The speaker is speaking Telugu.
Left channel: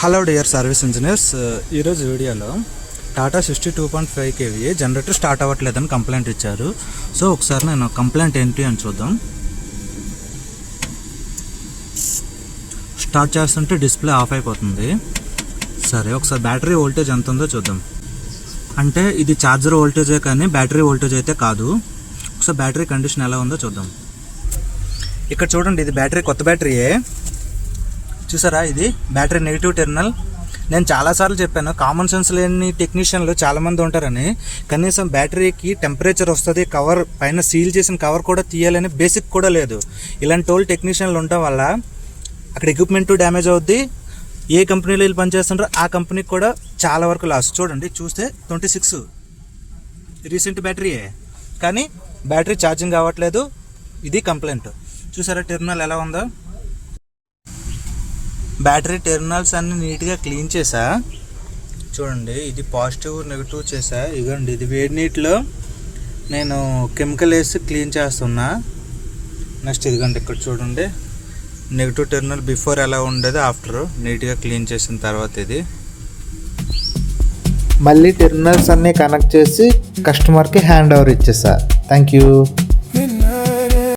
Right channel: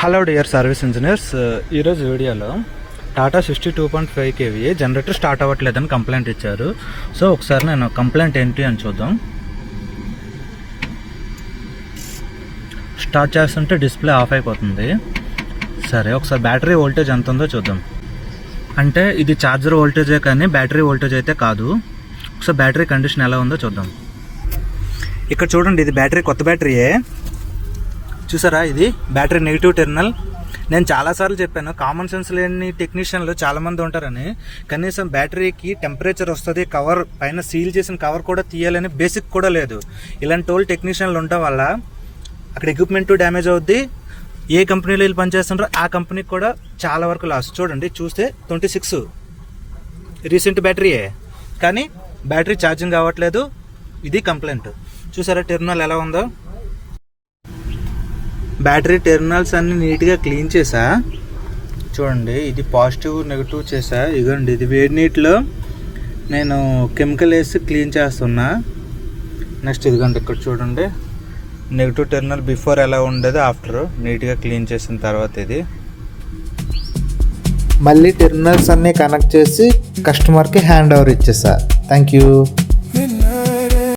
హలో డియర్ సర్వీస్ ఇంజనీర్స్, ఈరోజు వీడియోలో టాటా 62.5 kVA జనరేటర్ స్టార్ట్ అవ్వట్లేదని కంప్లైంట్ ఇచ్చారు. సో ఒకసారి నేను కంప్లైంట్ ఏంటి అని చూద్దాం. స్టార్ట్ చేస్తుంటే డిస్ప్లే ఆఫ్ అయిపోతుంది. సరే, ఒకసారి బ్యాటరీ వోల్టేజ్ ఎంత ఉందో చూద్దాం. అంటే ఇది ఛార్జర్ వోల్టేజే కానీ బ్యాటరీ వోల్టేజ్ అయితే కాదు. ఒకసారి బ్యాటరీ కండిషన్ ఎలా ఉందో చూద్దాం. ఇక్కడ చూడండి, ఇది బ్యాటరీ కొత్త బ్యాటరీయే. చూసారా, ఇది బ్యాటరీ నెగిటివ్ టెర్మినల్. నేను చాలాసార్లు చెప్పాను, కామన్ సెన్స్ లేని టెక్నీషియన్లు చాలామంది ఉంటారని. కనీసం బ్యాటరీకి టెంపరేచర్ వస్తుంది, కవర్ పైన సీల్ చేసిన కవర్ కూడా తీయాలని బేసిక్ కూడా లేదు. ఇలాంటి ఓల్డ్ టెక్నీషియన్లు ఉండటం వల్ల అక్కడ ఎక్విప్మెంట్ డ్యామేజ్ అవుద్ది. ఏ కంపెనీలో వీళ్ళు పనిచేస్తున్నారో ఆ కంపెనీకి కూడా చాలా వరకు లాస్. చూడండి, చూస్తే 26 రీసెంట్ బ్యాటరీయే, కానీ బ్యాటరీ ఛార్జింగ్ అవ్వట్లేదు. ఇది కంప్లైంట్. చూసారా టెర్మినల్ ఎలా ఉందో. బ్యాటరీ టెర్మినల్స్ అన్ని నీట్గా క్లీన్ చేసా. చూడండి, ఇది పాజిటివ్ నెగిటివ్ చేసా. ఇదిగోండి, ఇది వేడి నీటిలో నేను కెమికల్ వేసి క్లీన్ చేస్తున్నా. నెక్స్ట్ ఇదిగోండి, ఇక్కడ చూడండి నెగిటివ్ టెర్మినల్ బిఫోర్ ఎలా ఉండేది, ఆఫ్టర్ నీట్గా క్లీన్ చేసిన తర్వాత ఇది. మళ్ళీ టెర్మినల్స్ అన్నీ కనెక్ట్ చేసి కస్టమర్కి హ్యాండ్ ఓవర్ ఇచ్చేసా. Thank you.